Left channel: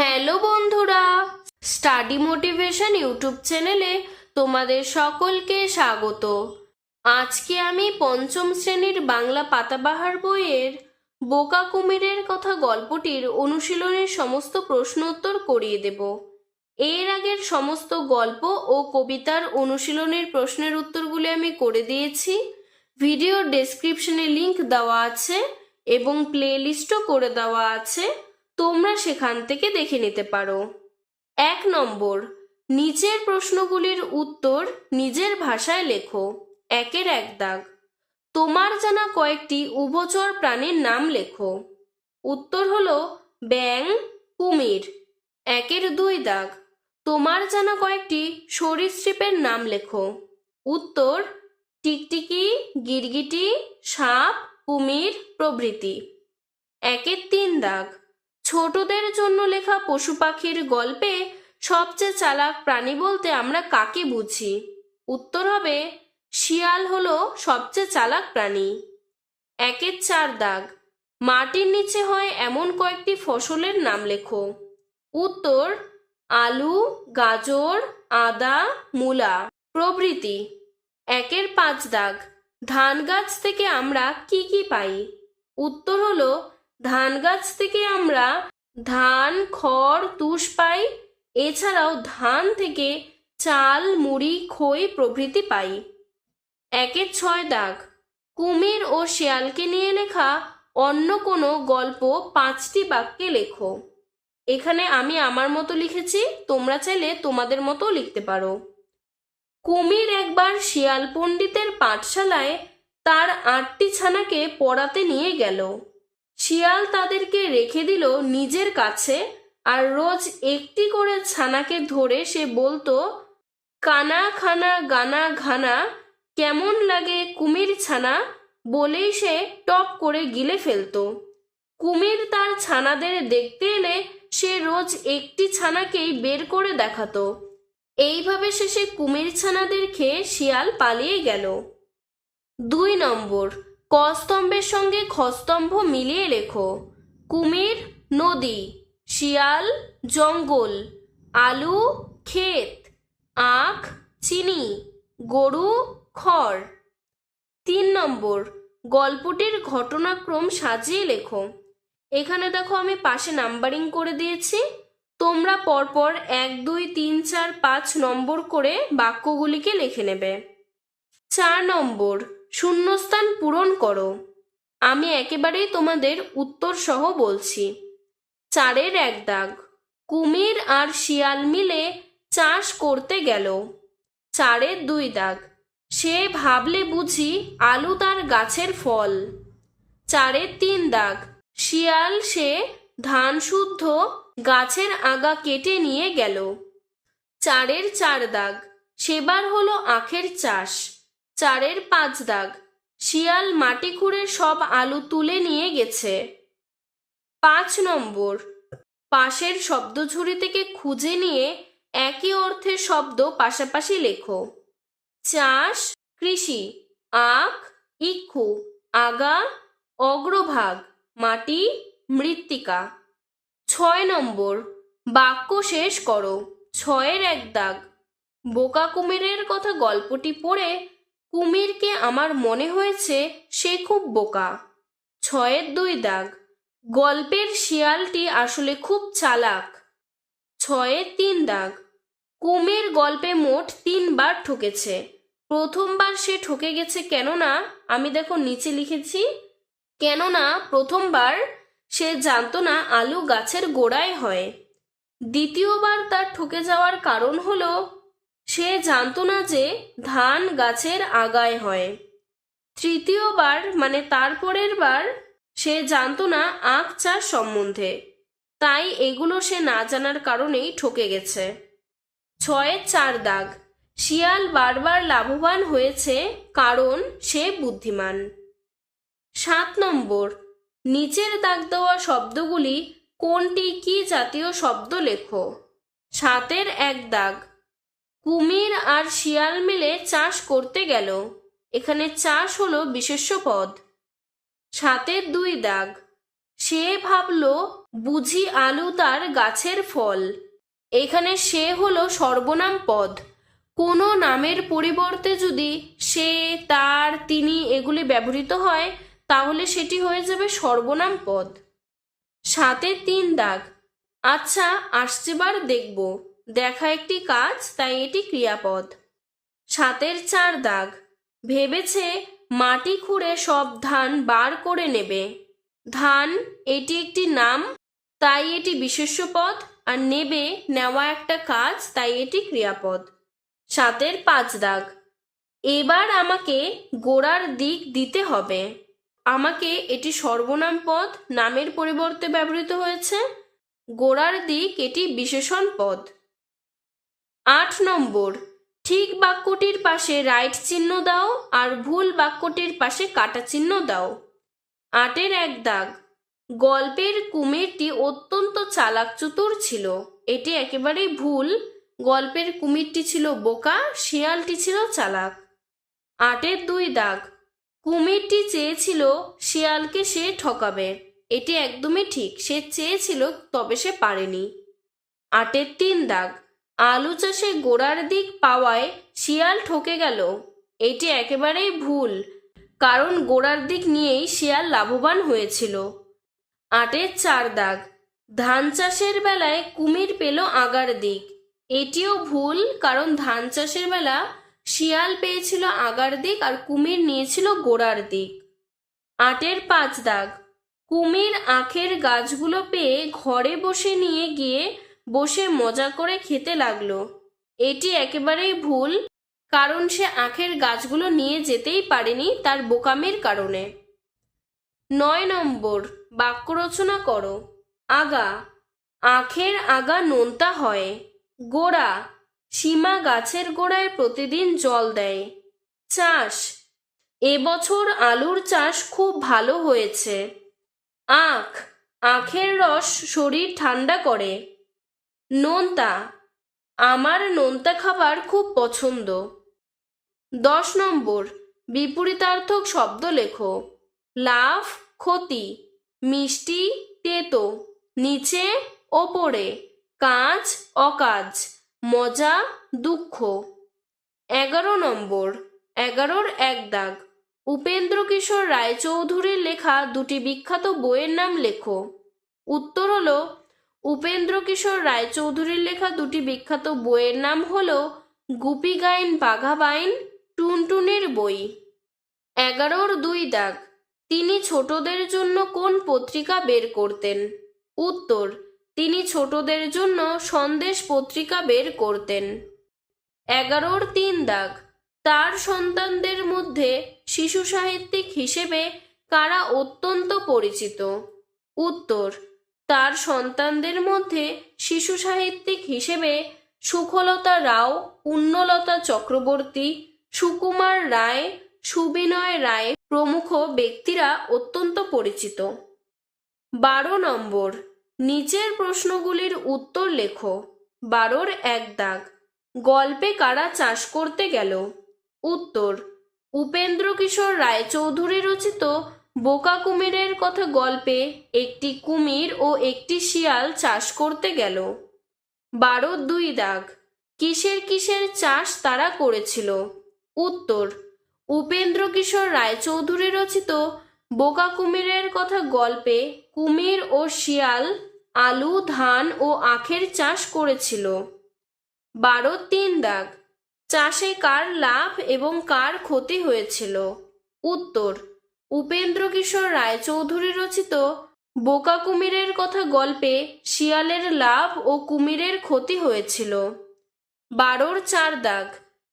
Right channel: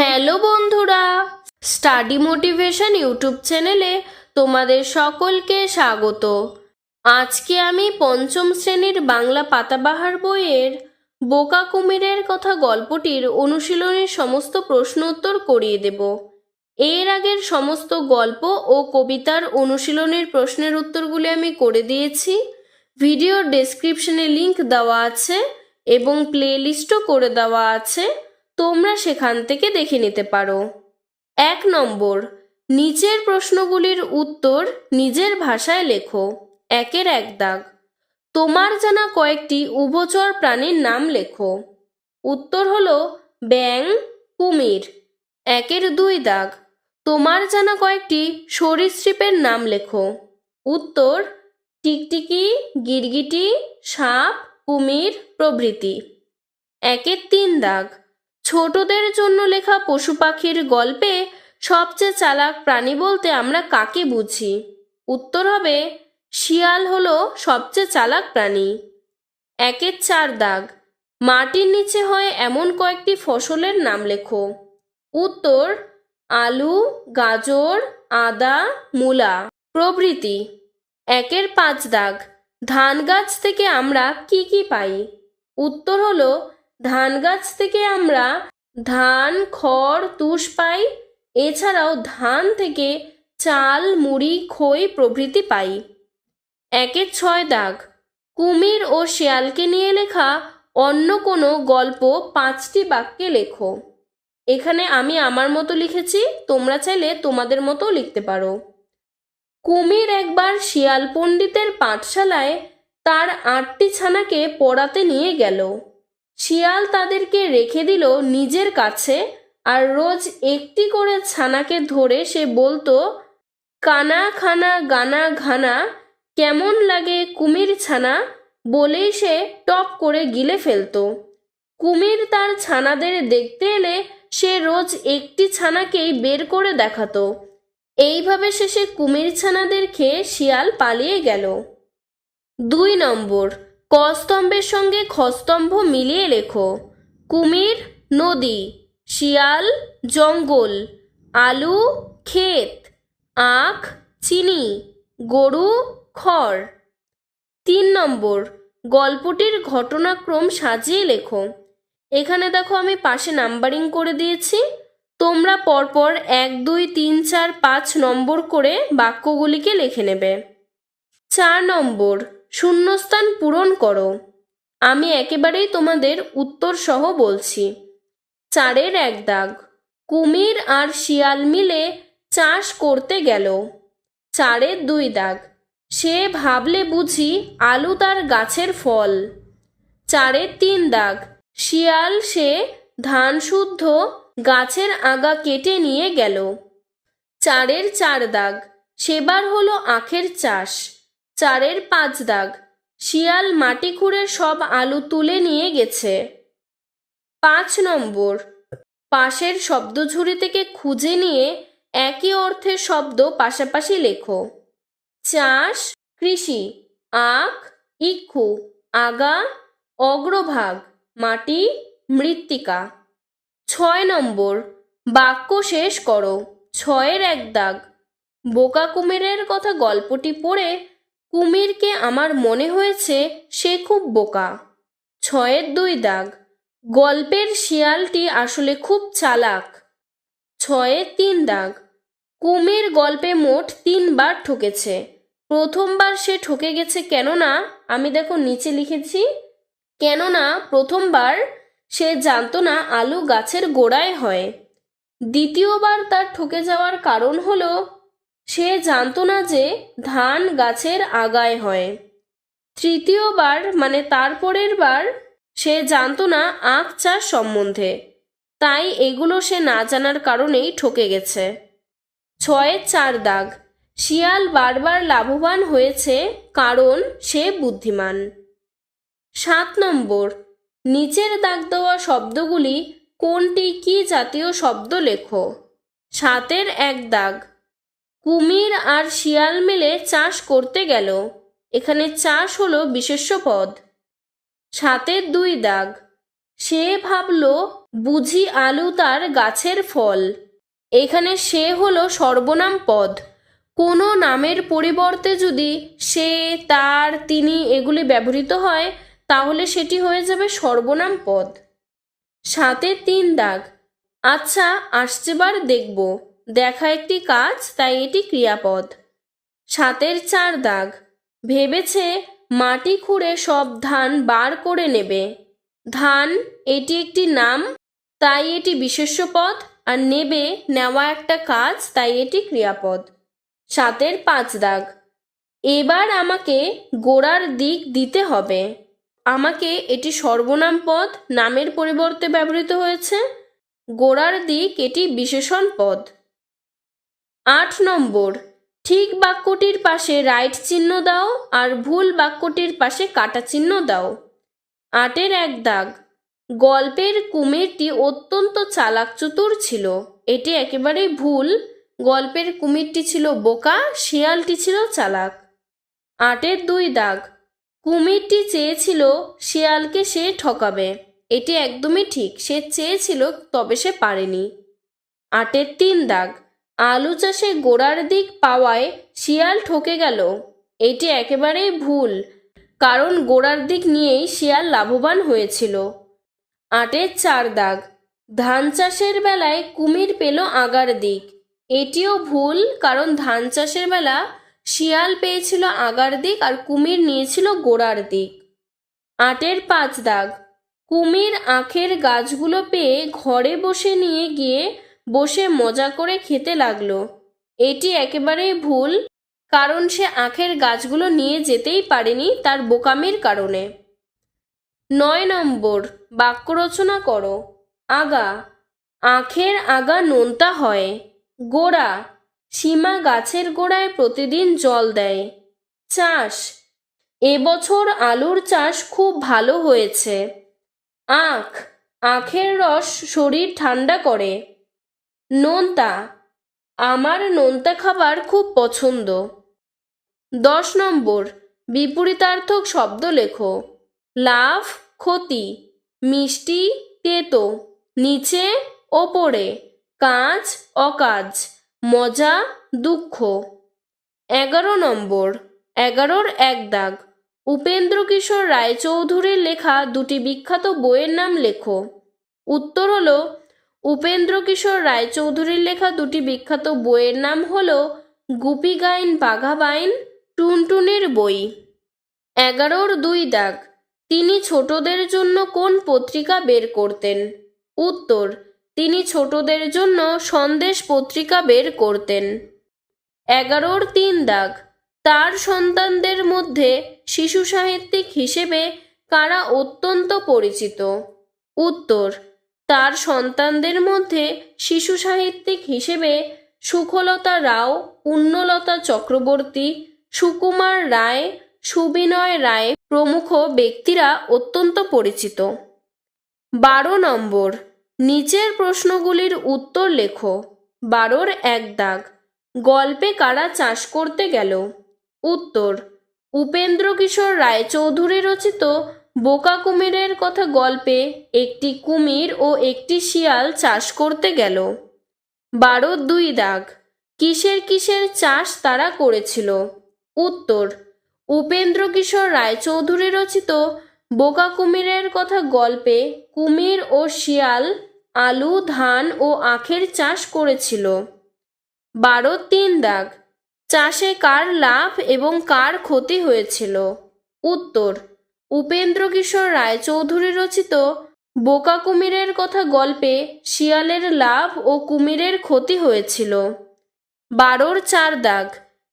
Hello বন্ধুরা, study motivation YouTube চ্যানেলে তোমাদের সকলকে স্বাগত। আজকে আমি পঞ্চম শ্রেণির বাংলা পাতাবাহার বইয়ের বোকা কুমিরের কথা গল্পটির অনুশীলনের সমস্ত প্রশ্ন উত্তর করিয়ে দেব। এর আগের সমস্ত গল্প ও কবিতার অনুশীলনের প্রশ্নের উত্তরগুলি আমি করে দিয়েছি। ভিডিওর ডেসক্রিপশনে লিংক দেওয়া আছে এবং প্লেলিস্টও করে দেওয়া আছে। তোমরা সেখান থেকে দেখে নিতে পারো। এক নম্বর, নিচের প্রশ্নগুলির উত্তর নিজের ভাষায় লেখো। একের এক দাগ। তোমার জানা কয়েকটি উভচর প্রাণীর নাম লেখো। উত্তর হলো ব্যাং, কুমির। একের দুই দাগ। তোমার জানা কয়েকটি সরীসৃপের নাম লেখো। উত্তর, টিকটিকি, গিরগিটি, সাপ, কুমির প্রভৃতি। একের তিন দাগ। ছোটদের জন্য লেখা পশু পাখির গল্পে সবচেয়ে চালাক প্রাণী বলতে আমরা কাকে বুঝি? উত্তর হবে, শিয়াল হলো সবচেয়ে চালাক প্রাণী। একের চার দাগ। মাটির নিচে হয় এমন কয়েকটি ফসলের নাম লেখো। উত্তর, আলু, গাজর, আদা, মূলা। প্রভৃতি। একের পাঁচ দাগ। ধান গাছ থেকে আমরা কি কি পাই? উত্তর হলো ধান গাছ থেকে আমরা ধান, খড়, তুষ পাই। এছাড়াও ধান থেকে চাল, মুড়ি, খই প্রভৃতি পাই। একের ছয় দাগ। কুমির ও শেয়ালকে নিয়ে লেখা অন্য কোনো গল্প পাঁচটি বাক্যে লেখো। এখানে আমি আমার মতো লিখেছি, তোমরা চাইলে তোমাদের মতো লিখতে পারো। কুমির একবার শিয়াল পণ্ডিতের পাঠশালায় তার আটটি ছানাকে পড়াতে নিয়ে গেল। শিয়াল তাদেরকে রেখে দিল নিজের কাছে, আর রোজ একটি করে ছানাকে ধরে সে বলতো, কানা খানা গানা ঘানা, কেমন লাগে কুমির ছানা? বলেই সে টপ করে গিলে ফেলতো। কুমির তার ছানাদের দেখতে এলে সে রোজ একটি ছানাকেই বের করে দেখাতো। এইভাবে শেষে কুমির ছানাদের খেয়ে শিয়াল পালিয়ে গেল। দুই নম্বর কস্তম্ভের সঙ্গে খস্তম্ভ মিলিয়ে লেখো। কুমির, নদী, শিয়াল, জঙ্গল, আলু, ক্ষেত, আখ, চিনি, গরু, খড়। তিন নম্বর, গল্পটির ঘটনাক্রম সাজিয়ে লেখো। এখানে দেখো আমি পাশে নাম্বারিং করে দিয়েছি। তোমরা পরপর এক, দুই, তিন, চার, পাঁচ নম্বর করে বাক্যগুলিকে লিখে নেবে। চার নম্বর শূন্যস্থান পূরণ করো। আমি একেবারেই তোমাদের উত্তর সহ বলছি। চারের এক দাগ। কুমির আর শিয়াল মিলে চাষ করতে গেল। চারের দুই দাগ। সে ভাবলে বুঝি আলু তার গাছের ফল। চারের তিন দাগ। শিয়াল সে ধান শুদ্ধ গাছের আগা কেটে নিয়ে গেল। চারের চার দাগ। সেবার হলো আখের চাষ। চারের পাঁচ দাগ। শিয়াল মাটি খুঁড়ে সব আলু তুলে নিয়ে গেছে। পাঁচ নম্বর। পাশের শব্দঝুড়ি থেকে খুঁজে নিয়ে একই অর্থের শব্দ পাশাপাশি লেখো। চাষ, কৃষি, আখ, ইক্ষু, আগা, অগ্রভাগ, মাটি, মৃত্তিকা। ছয় নম্বর। বাক্য শেষ করো। ছয়ের এক দাগ। বোকা কুমিরের কথা গল্পটি পড়ে কুমিরকে আমার মনে হয়েছে সে খুব বোকা। ছয়ের দুই দাগ। গল্পের শিয়ালটি আসলে খুব চালাক। ছয়ের তিন দাগ। কুমির গল্পে মোট তিনবার ঠকেছে। প্রথমবার সে ঠকে গেছে কেননা, আমি দেখো নিচে লিখেছি, কেননা প্রথমবার সে জানতো না আলু গাছের গোড়ায় হয়। দ্বিতীয়বার তার ঠকে যাওয়ার কারণ হলো সে জানতো না যে ধান গাছের আগায় হয়। তৃতীয়বার মানে তারপরের বার, সে জানতো না আখ চাষ সম্বন্ধে। তাই এগুলো সে না জানার কারণেই ঠকে গেছে। ছয়ের চার দাগ। শিয়াল বারবার লাভবান হয়েছে কারণ সে বুদ্ধিমান। সাত নম্বর। নিচের দাগ দেওয়া শব্দগুলি কোনটি কি জাতীয় শব্দ লেখো? সাতের এক দাগ। কুমির আর শিয়াল মিলে চাষ করতে গেল। এখানে চাষ হলো বিশেষ্য পদ। সাতের দুই দাগ। সে ভাবল, বুঝি আলু তার গাছের ফল। এখানে সে হলো সর্বনাম পদ। কোনো নামের পরিবর্তে যদি সে, তার, তিনি এগুলি ব্যবহৃত হয়, তাহলে সেটি হয়ে যাবে সর্বনাম পদ। সাতের তিন দাগ। আচ্ছা আসছেবার দেখব। দেখা একটি কাজ, তাই এটি ক্রিয়াপদ। সাতের চার দাগ। ভেবেছে মাটি খুঁড়ে সব ধান বার করে নেবে। ধান, এটি একটি নাম, তাই এটি বিশেষ্য পদ, আর নেবে, নেওয়া একটা কাজ, তাই এটি ক্রিয়াপদ। সাতের পাঁচ দাগ। এবার আমাকে গোড়ার দিক দিতে হবে। আমাকে এটি সর্বনাম পদ, নামের পরিবর্তে ব্যবহৃত হয়েছে। গোড়ার দিক এটি বিশেষণ পদ। আট নম্বর। ঠিক বাক্যটির পাশে রাইট চিহ্ন দাও আর ভুল বাক্যটির পাশে কাটা চিহ্ন দাও। আটের এক দাগ। গল্পের কুমিরটি অত্যন্ত চালাক চতুর ছিল। এটি একেবারেই ভুল। গল্পের কুমিরটি ছিল বোকা, শিয়ালটি ছিল চালাক। আটের দুই দাগ। কুমিরটি চেয়েছিল শিয়ালকে সে ঠকাবে। এটি একদমই ঠিক। সে চেয়েছিল, তবে সে পারেনি। আটের তিন দাগ। আলু চাষে গোড়ার দিক পাওয়ায় শিয়াল ঠকে গেল। এটি একেবারেই ভুল, কারণ গোড়ার দিক নিয়েই শিয়াল লাভবান হয়েছিল। আটের চার দাগ, ধান চাষের বেলায় কুমির পেল আগার দিক। এটিও ভুল, কারণ ধান চাষের বেলা শিয়াল পেয়েছিল আগার দিক আর কুমির নিয়েছিল গোড়ার দিক। আটের পাঁচ দাগ, কুমির আখের গাছগুলো পেয়ে ঘরে বসে নিয়ে গিয়ে বসে মজা করে খেতে লাগল। এটি একেবারেই ভুল, কারণ সে আখের গাছগুলো নিয়ে যেতেই পারেনি তার বোকামির কারণে। নয় নম্বর, বাক্য রচনা করো। আগা, আখের আগা নোনতা হয়। গোড়া, সীমা গাছের গোড়ায় প্রতিদিন জল দেয়। চাষ এবছর আলুর চাষ খুব ভালো হয়েছে। আখ, আখের রস শরীর ঠান্ডা করে। নোনতা, আমার নোনতা খাবার খুব পছন্দ। দশ নম্বর, বিপরীতার্থক শব্দ লেখো। লাভ ক্ষতি, মিষ্টি, তেতো, নিচে, ওপরে কাজ অকাজ, মজা, দুঃখ। এগারো নম্বর, এগারোর এক দাগ। উপেন্দ্র কিশোর রায়চৌধুরীর লেখা দুটি বিখ্যাত বইয়ের নাম লেখো। উত্তর হলো উপেন্দ্র কিশোর রায়চৌধুরীর লেখা দুটি বিখ্যাত বইয়ের নাম হল গুপি গাইন বাঘা বাইন টুনটুনির বই। এগারোর দুই দাগ। তিনি ছোটদের জন্য কোন পত্রিকা বের করতেন? উত্তর, তিনি ছোটদের জন্য সন্দেশ পত্রিকা বের করতেন। এগারোর তিন দাগ। তার সন্তানদের মধ্যে শিশু সাহিত্যিক হিসেবে কারা অত্যন্ত পরিচিত? উত্তর তার সন্তানদের মধ্যে শিশু সাহিত্যিক হিসেবে সুখলতা রাও পুণ্যলতা চক্রবর্তী, সুকুমার রায়, সুবিনয় রায় প্রমুখ ব্যক্তিরা অত্যন্ত পরিচিত। বারো নম্বর, নিচের প্রশ্নগুলির উত্তর লেখো। বারোর এক দাগ, গল্পে কারা চাষ করতে গেল? উত্তর উপেন্দ্র কিশোর রায়চৌধুরী রচিত বোকা কুমিরের কথা গল্পে একটি কুমির ও একটি শিয়াল চাষ করতে গেল। বারো দুই দাগ। কিসের কিসের চাষ তারা করেছিল? উত্তর, উপেন্দ্র কিশোর রায়চৌধুরী রচিত বোকা কুমিরের কথা গল্পে কুমির ও শিয়াল আলু, ধান ও আখের চাষ করেছিল। বারো তিন দাগ। চাষে কার লাভ এবং কার ক্ষতি হয়েছিল? উত্তর উপেন্দ্র কিশোর রায়চৌধুরী রচিত বোকা কুমিরের কথা গল্পে শিয়ালের লাভ ও কুমিরের ক্ষতি হয়েছিল। বারোর চার দাগ।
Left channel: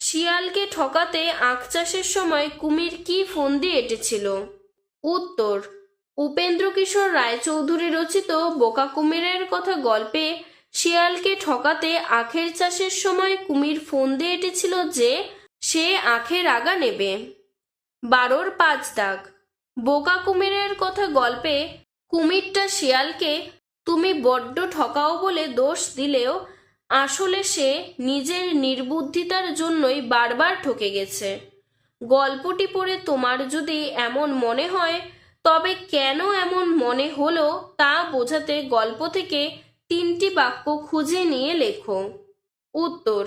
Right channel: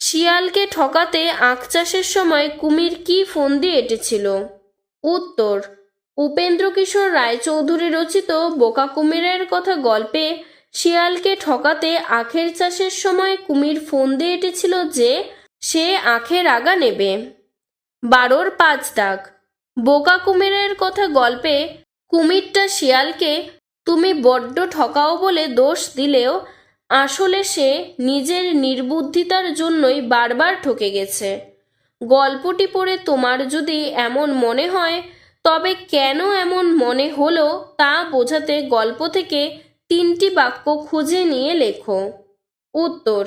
শিয়ালকে ঠকাতে আখ চাষের সময় কুমির কি ফন্দি এঁটেছিল? উত্তর, উপেন্দ্র কিশোর রায়চৌধুরী রচিত বোকা কুমিরের কথা গল্পে শিয়ালকে ঠকাতে আখের চাষের সময় কুমির ফন্দি এঁটেছিল যে সে আখের আগা নেবে। বারোর পাঁচ দাগ। বোকা কুমিরের কথা গল্পে কুমিরটা শিয়ালকে, তুমি বড্ড ঠকাও বলে দোষ দিলেও আসলে সে নিজের নির্বুদ্ধিতার জন্যই বারবার ঠকে গেছে। গল্পটি পড়ে তোমার যদি এমন মনে হয়, তবে কেন এমন মনে হলো তা বোঝাতে গল্প থেকে তিনটি বাক্য খুঁজে নিয়ে লেখো। উত্তর,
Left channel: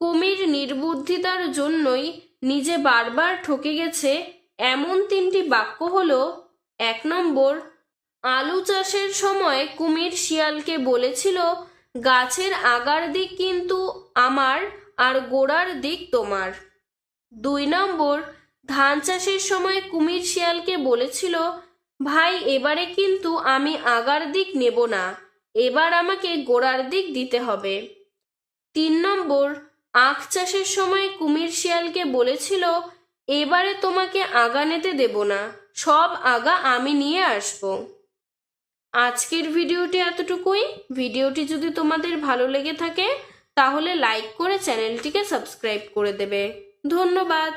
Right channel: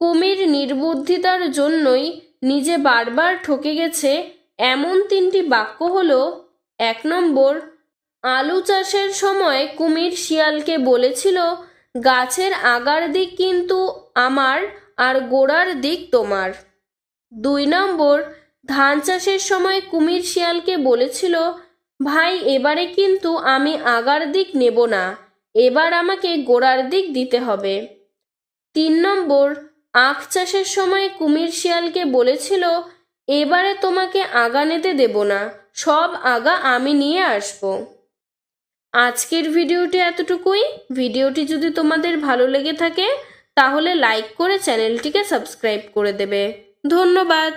কুমির নির্বুদ্ধিতার জন্যই নিজে বারবার ঠকে গেছে এমন তিনটি বাক্য হল, এক নম্বর, আলু চাষের সময় কুমির শিয়ালকে বলেছিল, গাছের আগার দিক কিন্তু আমার আর গোড়ার দিক তোমার। দুই নম্বর, ধান চাষের সময় কুমির শিয়ালকে বলেছিল, ভাই, এবারে কিন্তু আমি আগার দিক নেব না, এবার আমাকে গোড়ার দিক দিতে হবে। তিন নম্বর, আখ চাষের সময় কুমির শিয়ালকে বলেছিল এবারে তোমাকে আগা নিতে দেব না, সব আগা আমি নিয়ে আসব। আজকের ভিডিওটি এতটুকুই। ভিডিওটি যদি তোমাদের ভালো লেগে থাকে, তাহলে লাইক করে চ্যানেলটিকে সাবস্ক্রাইব করে দেবে। ধন্যবাদ।